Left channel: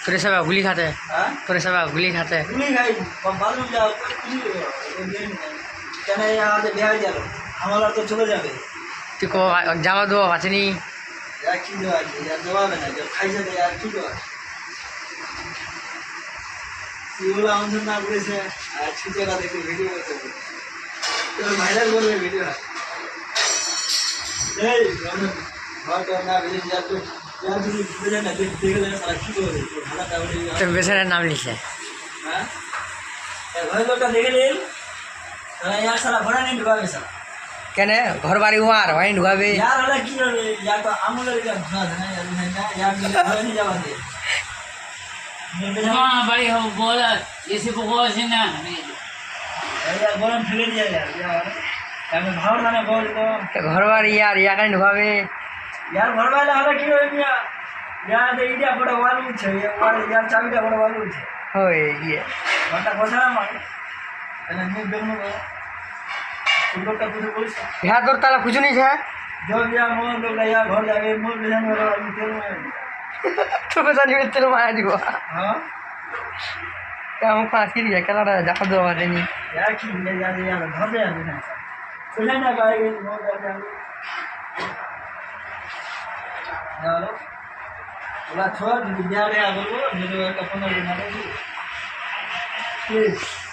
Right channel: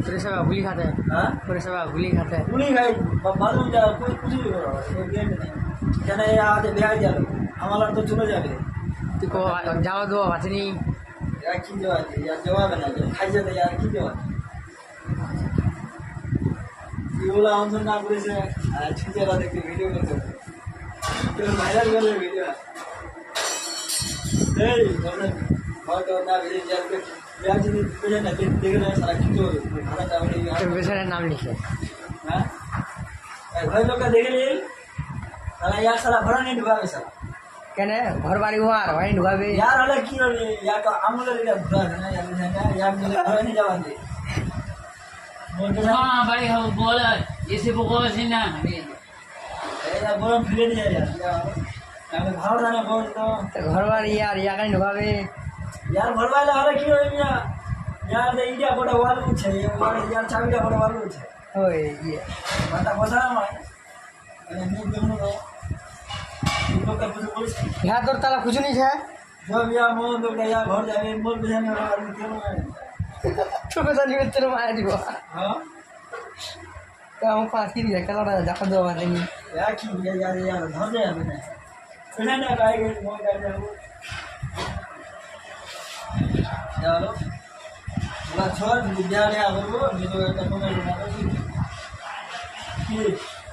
তোरे सब गुली खाते हैं তোरे सब गुली खाते हैं গুলি খাই বাথরুম যাও কোন খুশি কেন আজ বিহার গেল আমার তো চলে যাবে तू को जावा दो बाचनी यार की जवाब यार जवाब है ना जब खाई जाते यार की जवाब ये बोला हम सब नाम कैसे छुटे का देख वीडियो करते हैं तो वायरल कर रहे वीडियो ए बहुत ना वीडियो यार तो यार तुम वीडियो ना देख ले सारा की जवाब है खाना दावड़ी तो बेचारे नाम लिखे हां भाई लोग का देख ले सारा यार सारा भरा नहीं डुबा सारा কেন ঘর বাড়ি হওয়ার ভাই ঢুকাবে यार अलग की रे यार तो আমলে রে ঘুরা না यार मिले भरा नहीं जावा दे हाँ भाई हो बोल इसी को कोई ना यार गरम ফেলে দিয়ে यार আমি ভালো জানে বল তো ঘর বাড়ি আর ইয়াকে ঢুকাবে यार ভরবাইলে হলে কি হবে মিয়া यार এইটা বড় ওয়ালু আছে ওয়াল यार চাবিটা বড় ওয়ালু আছে ওই ইয়ে মাথা কথা না মার এনে মুখ দেখনো लोग का कुछ बोल यहाँ तोर ताला कुछ नहीं है जब यार मोर लोग यार घर जावे मोर बिहान वाला आदमी तेल में तो पता नहीं तेरे माया दियो हां क्या हम फांस की रिया कला जा दो वाले नहीं यार की ले यार घर जाए ना पहले ना पाएंगे मोर घर जाओ चलो बोला छोड़ बिहार है बोलो मेरे का फोन बना दो प्लीज